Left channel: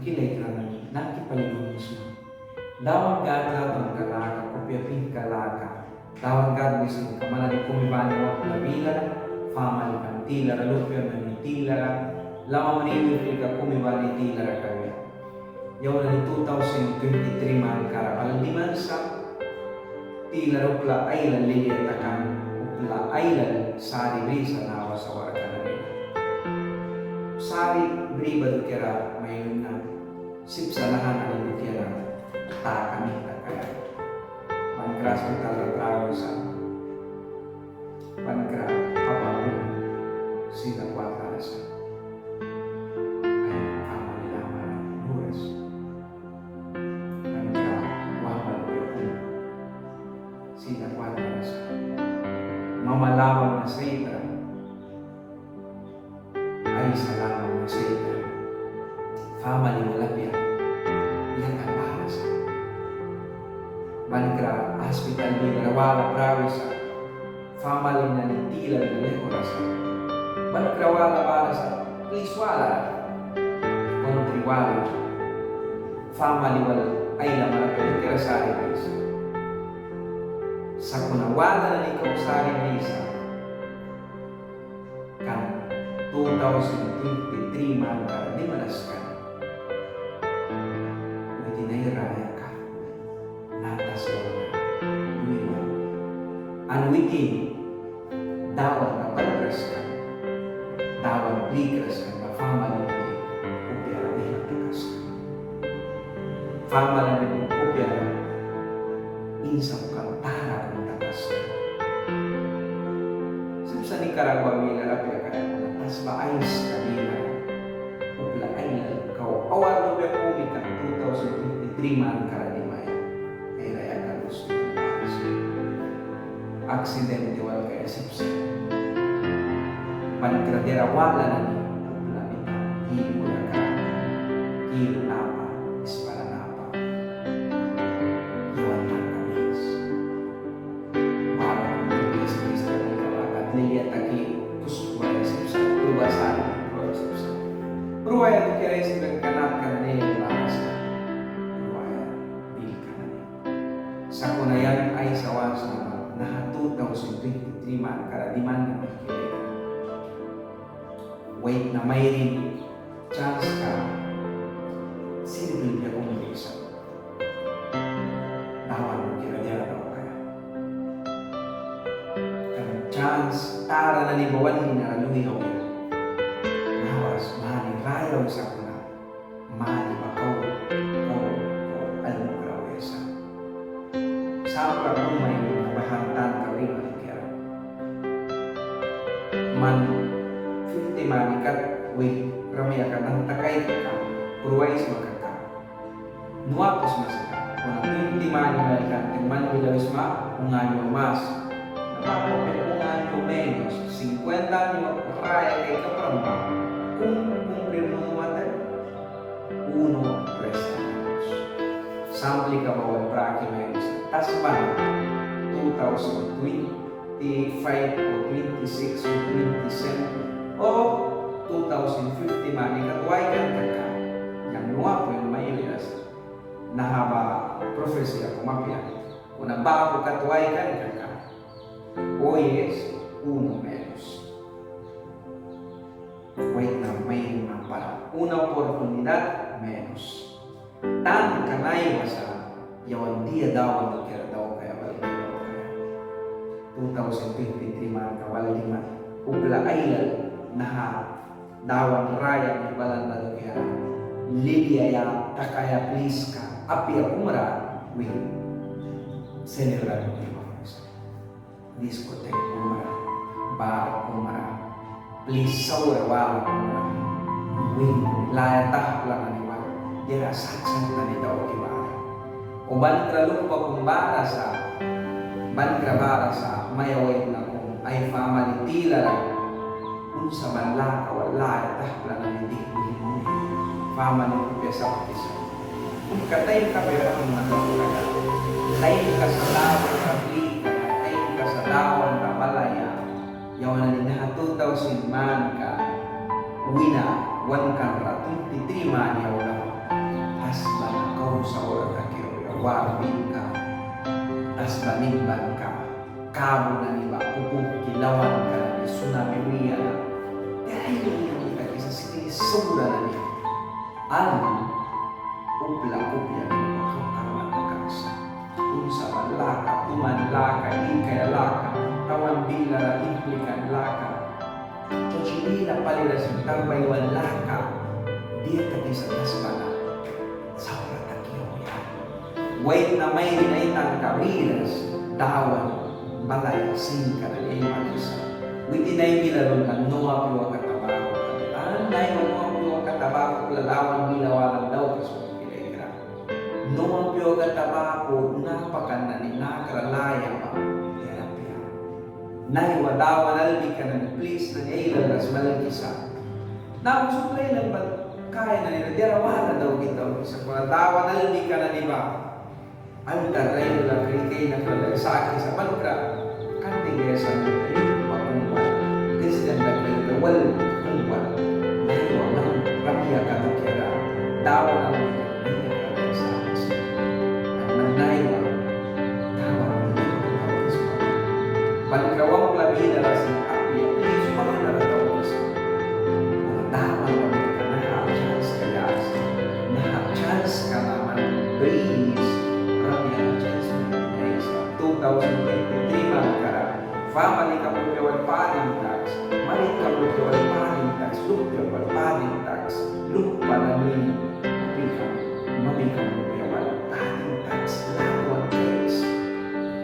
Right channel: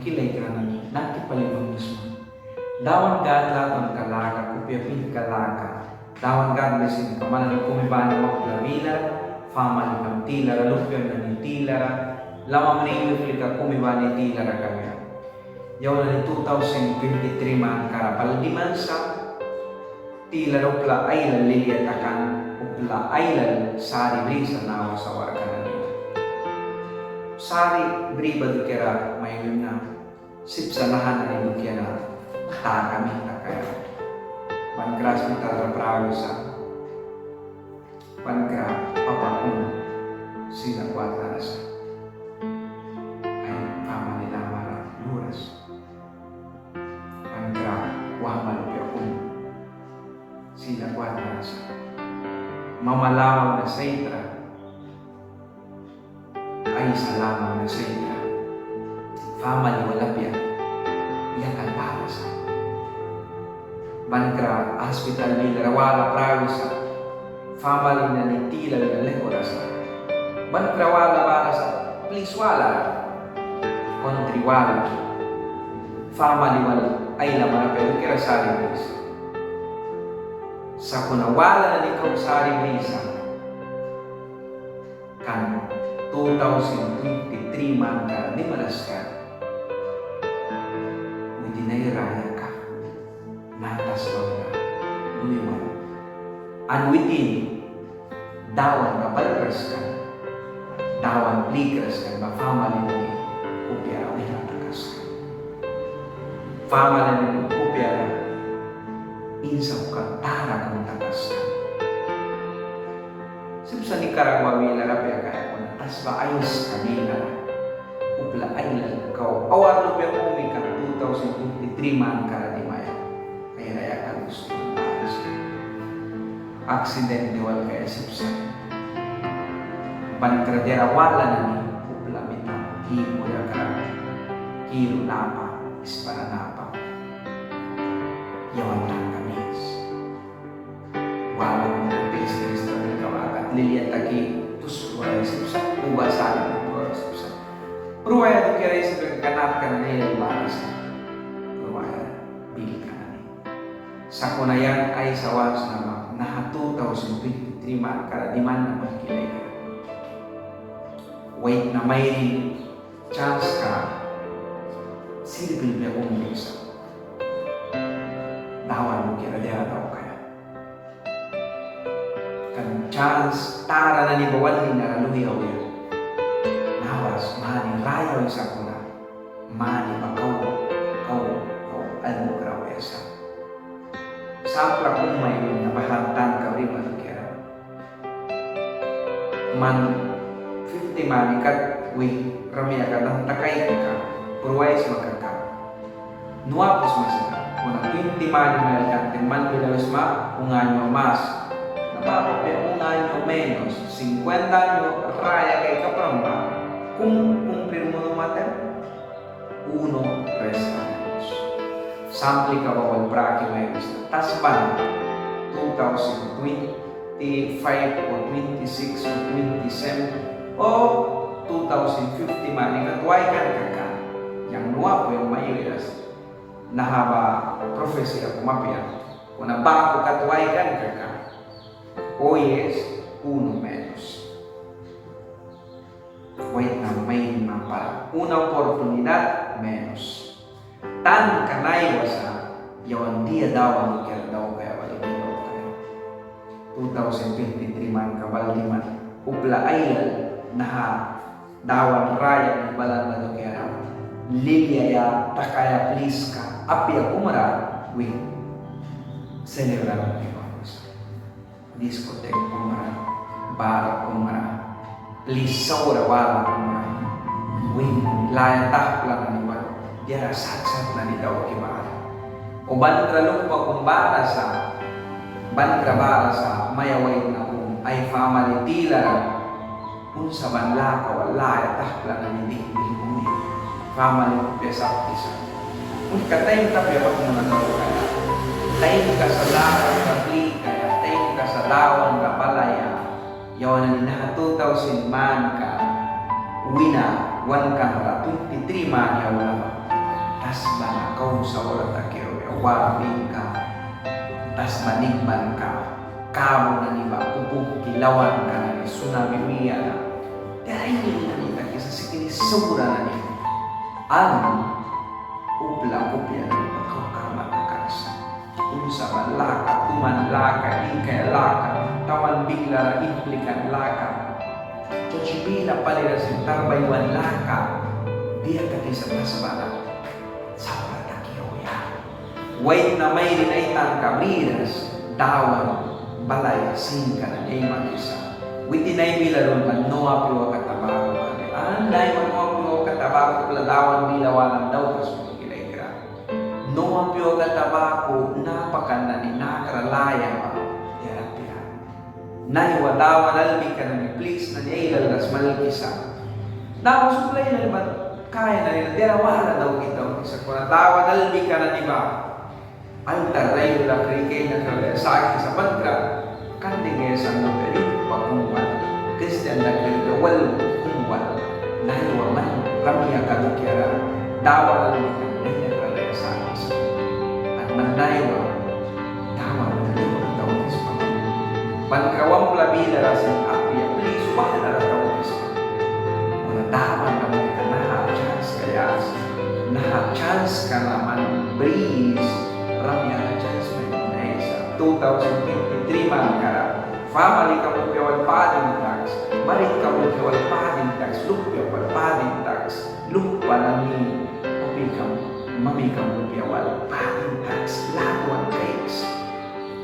kilay kranani nakipalimang mismo. Dawan gad laton kalaka kupyapin kalaka. Dawan gad besin kamana ni kumibana wak labila famali kam tilara lupyon na ni tilara lama manimi flika kumibani tilara kaya. Yawan ni 2023 man karapal di man sa tilara upla aylan liliyatakan upla aylan sari brisa nawa sa warga nila. Sari briba dukera mayun na sipsanahan na ni dukera ta kami na kaya pankras mental raprawisa pankra papapun sila kuat rasa ay ama nila mara luras pankra wahmalupi akong sila kuat rasa mamalawang na saitra ay salamang na saitra fama ni walapya iyakan bahasa Bankra hospital bila rawala prawisa family na nitila na lekorasa Bankra wala barasa please wala country wala family wala ay laman na pero kira sari brisa sa kuna wala na ikaw sari brisa kan 2023 man ka di malas ka within raya ka natas lang na lumiwan. And within, dawan na balras ka, dawan plikras ka, ba family ni kupya wala takas ka. Family ni kupya na insaw ka, tara kung takas ka. Sa Nicaragua, wala lapya kaya ko na tas ba ayos kanila, upla aylan ka, awar lupya kumi ka 2023 man karadimaya. Raya kalus accident diwal kaya sipsa pankradera wala na ni upla mita higo ya kara kiro napa ispara napa yawan na kamis wala ng kapis Krista ng kawagat liliat taki tus ruwaya sipsa uba sali ruwaya sipsa ruwaya tu kira isi berkanap ka na nilang barasa sa kunayan ay sawas na naha 2023 man karadiman na magkilay ka. Wait na mayroon chance ka silbil niya kung bisa. Dawan mo kira diya daw kaya. Kan chance tara na ni bawan ni naraluyaw niya. Nawas mani rayaw sa kuna. Mani bakaw alam mo karawaya sa sampla kung may nabahantan ka rin malukira. Man 50 manikat, ramya ka ng takay ka, purwais magkaka. Nuapos masira. Kung ang 20 manikat, man bilawis ma, unganyo mas. Napapapin unganyo menos. 50 anyo, raya kay kapramba. Kung kumplir mo naman, 1 resta. Sampli ka bawal praki may gusto. Tasban 2025 o 26 o 27 o 2050 man ikatway kan kaka. Yang nuwa po yung maiwilas. Nahaba profesi ka kumapya. Kung nabako katway kan kaka. O yes, 1 menos. Wait na may para. Una oportunidad menos. Tan kanay wasa yawan dia dawan kaya daw kaya balik daw kaya 2023 man kabal man upla ailal naha dawan raya ni balan na do kaya lilia ya takaya please ka apya umara we celebrar mo ni vamos discoteca umara bar umara please saura wala umara we laya tahpla ni dia rasat-sat na ni daw kibara. O bankra lupa kung bara sa bankra bara sa mayaway na kung ay family tilara kung sa banla ka wala ya tahpla na ni dikwi mo ni family ko pesa pisa. Kung katay ka pero kung nataw kaya tayo ka sa dawan ka plika tayo ka sa dawan ka palaya yawan na ni na 2,000 man ka wina wan kanra 23 mani awala tas bana kau sa wala takyo warbing ka tas banigban ka kamo na niba kupuk kilawan ka na ni tsunami miya na dahil na nita kisa sikini sura na niya ang upla kupya na niba kau kamat na kansa unsa man laka tuman laka ikay laka tawan bigla na implikan laka Chochibila palira sin tarbaywan laka dia tadi sa tasbana sa patakyo ya wait na may rinaitan kabridas dawan balay singka na niya magisa witinay milarol man noa piwa katabako anday man noa piwa katabako pladawan bilawalan daw kas kila noa piwa katabako napakan na ni nakralaya pa Nay wadawan albi ka na ni please na niya ilalas malkisa. Na suplay na ba kaya na nila dira wala daw kita sa kuna dawan albi ka na ni ba. Antar rayo la krike na kala sa akin sa bantra kan dige sa tayo pagkumwan. Christian na kaya wal kumwan. Nay waman ramya ka to kaya dawan albi ka na niya kala sa akin. At manay wa dawan Pangkawang labida rasin api, please, wala na ratawis. Wala daman kami ka chance kaya. Chance ka naman, breeze. Ramya na chance may isa. 2023 man karap. Family ka mo piawal pading tax. Marit ka mo piawal pading tax. Lupya wal pading tax. Lupa na ni api ka mo. Mami ka mo piawal pading tax. Latuan cakes.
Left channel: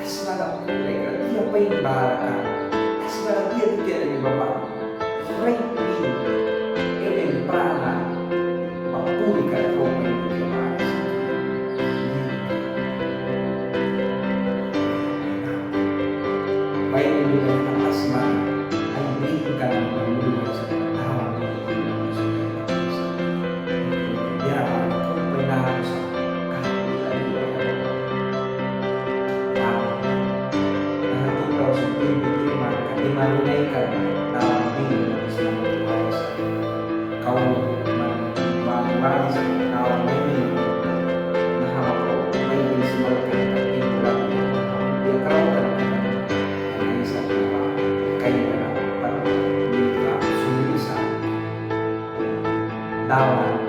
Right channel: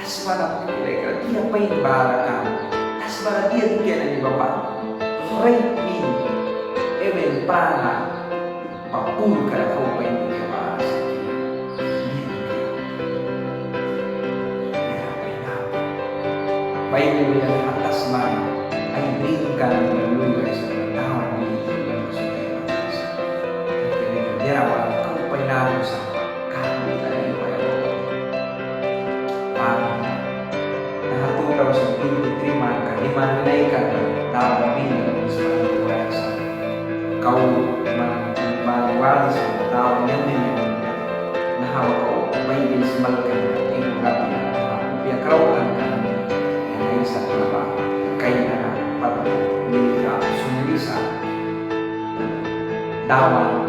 Tasbara pinilay ka, dia pa yung barakan. Tasbara dia tukian na ni Bapak. Right min, ewen prana, papul ka kau pa yung dia baras. Niyan kaya. Baik mo bilang atas man, ay bring ka na nilaluluway sa mga tawag mo yung sa kaya. Dia rawan, kau pa yung nabo sa kakulan yung Parang 2023 man ka, di manunay ka na tawang bilang sa mga iwaya sa kau man maliwali sa mga tawang yung minimum na hama ko may bilsimal ka na tingurap na biya karawkan ka na yung isa na ba kaya na patong ka sunulisa dawan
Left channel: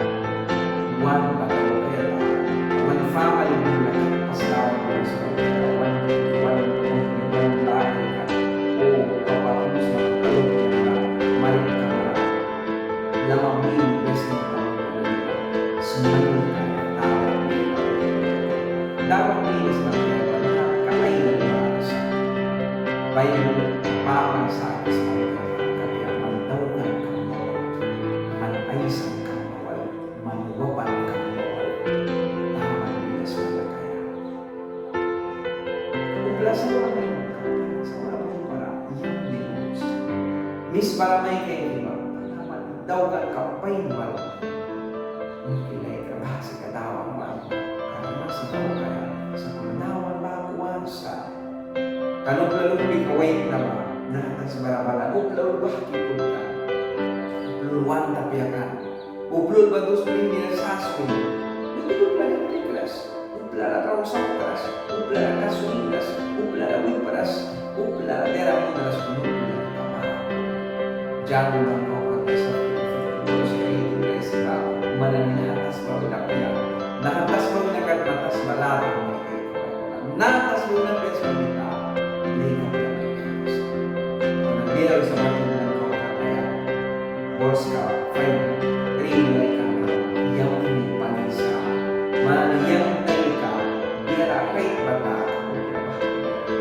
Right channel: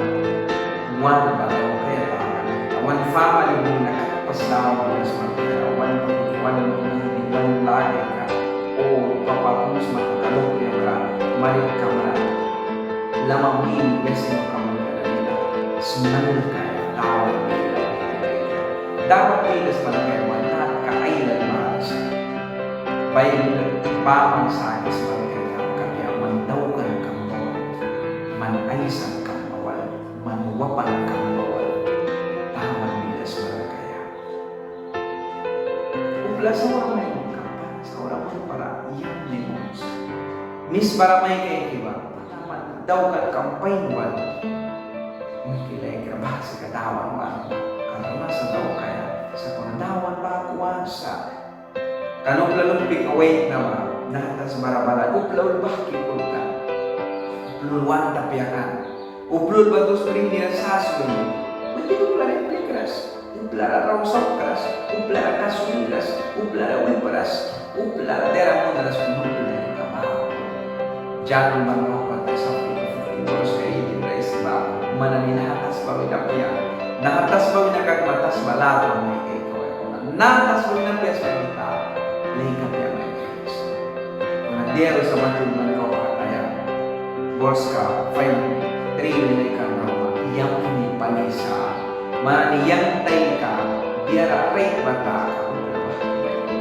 one ba kaya takan one family din nakakapaslawan mo na sa mga one lagi ka o papapus makakalok niya ka malit ka mara lamang mil beses mo ka magkadalina sumanul kaya tawag nila dapat nila sa mga kaya wala kakailan maasa bayan pamang sa akin sa mga kaya kaya mandawkan kang bawal manaysan kang bawal manuwapan kang bawal tawag nila sa mga kaya Upla sa orang may magkapan, sa orang mo para iyang limos. Miss para may kayo iba, panaman daw ka kampain wal. Kilay ka ba sa kadawan man? Karena sa daw kaya, sa kadawan ba kuwan sa kanong lalupig away na ba, natas barabalan, uplaul ba kipod ka? Uplaul wan tapiakan. Uplaul ba dos rin nila sasoy? Hindi ko pala yung plikras. Uplara rausap keras, uplara kasumiras, uplara wiparas, uplara terang monaras penupla kapal. Jangan bangkok kata sapu, boros kayak itu dari sebab mana ni nahatas bawi dapia, nahatas bawi nakat matas balato may kay kawai nahatas bawi napias mamita, lay kapia may kayos. Kung dia sa matun bangkok kata ya, boros ka, fine, rinilay ka rawa, yang ni panisa. Maniyang tay ka, biara rate bata ka kung pinabahagi ba yun.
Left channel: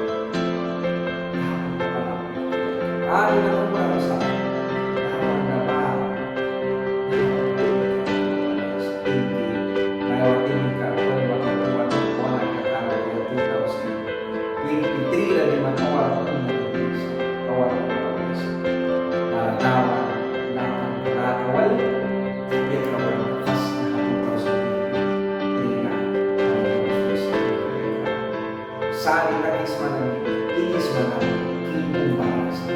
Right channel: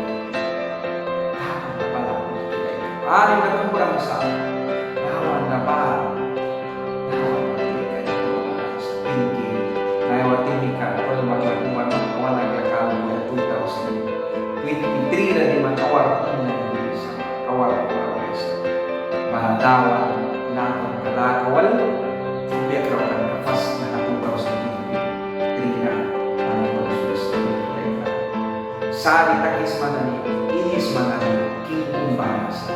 Dapat na pala ko ano na kumurang sa nawan na ba? Nawan na tumika yung mga tinggi. Nawan tumika, kung magkatuan magkuha naglakalo kaya 2023 na di man awar kung nag-ibisa. Awar kung nag-ibisa. Maladawan, nakang kalakawal, biyak raw ka na fast na 2023. Sari takis manani, inis manani, kingkong bahasa.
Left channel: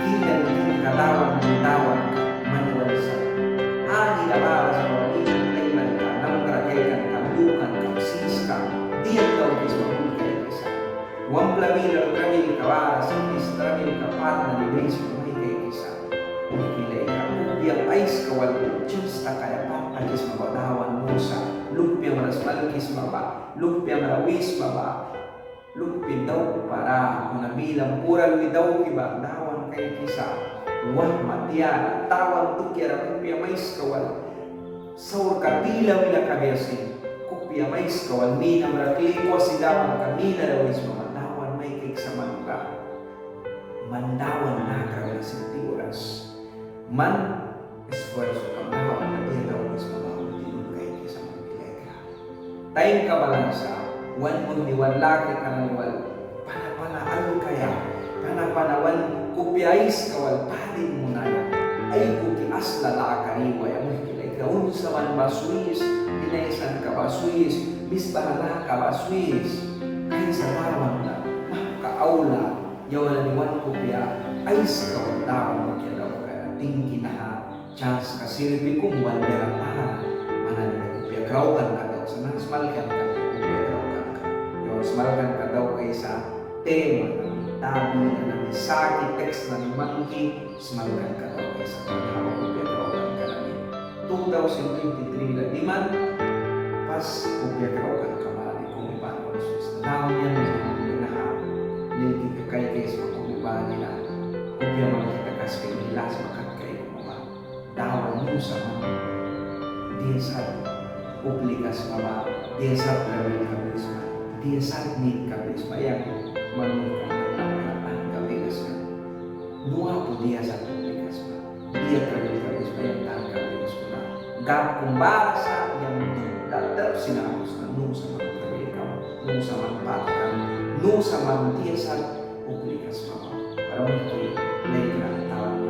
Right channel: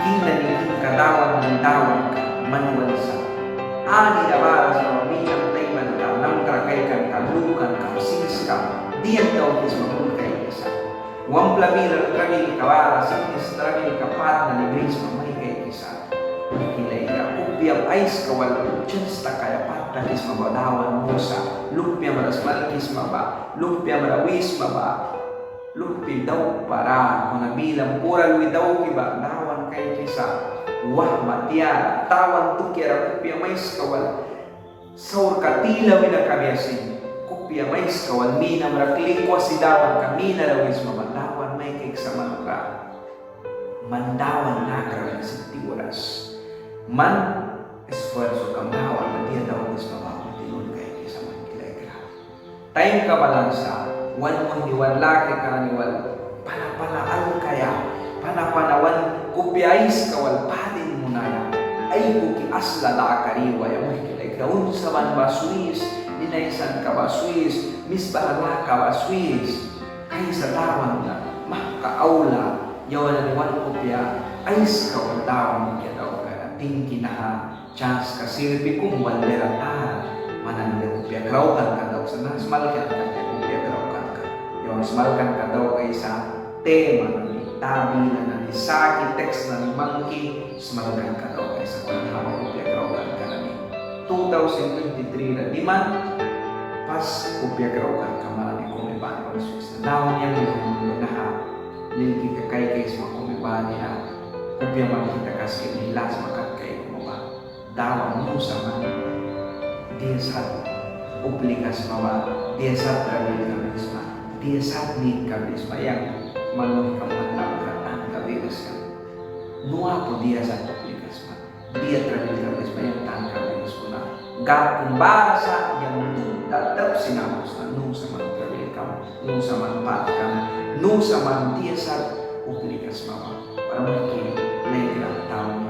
Kinani kadawan ng dawan ka, manual sa ani na baras mo minang tayman ka, namkrakaykan ka, lukan ka, sis ka, diyan daw kis mamulkay kisa. Wang plamilar tramil ka baras, sinis tramil ka pat na libris mamay kay kisa. Kilay ka, upiyam ais kawal, chans ta kaya pat na kis mabadawan musa, lupya maras malkis maba, lupya marawis maba, lupi daw para, kung nabilang pura luwi daw kiba, dawan kay kisa. Wah matiara, tawan tukiara kupia mais kawal saur katila mina kabiasin kupia mais kawal mina meraklikwa sidawan kamina rawis mamandawan may kik sa manuka mandawan nakra sinti oras man esfuerzo kamdawan na dia daw is mabawang tinun kay kisa man kilegra time ka balansa wan mo ni wan laki ka ni wal panapanaan kaya panapanawan kupiais kawal padin munaya ay kuki asla lakariwa ya muhikilay kaun sa man baswis dinaisan ka baswis misbahala ka baswis kay sa dawan na mahkaaula yawan ni wan kupya ais kawal dawan kaya daw ka tingki na ha chance ka silpi kung bandera ta manan na kupya kraukan ka daw sa nasmalkan ka kupya kraukan ka yawan smalkan ka daw kay sa tema na tabi na ni saki text na ni monkey smalkan ka daw kaysa kung hawak kupya kaukan ka na ni 2023 na di man pas kupya kaukan ka man ni kumiban ko na sus na dawan niya may naha nilki ka kay kays makumiban niya kupya makita kas kinilas makat kay kumaba dawan mo sa man dia sat uplikas mama dia sat trabil kabisma dia sat need kabisma yang manun kamanang katang kabiris kan nuwa po dia sa publikas man dia trabil kabis bayan tan kabiris ko na gap kumbara sa yang tatap sinamos na nung sa man trabil kam nung sa man pat kam nung sa man dia sa publikas mama para mungkin lain lang tao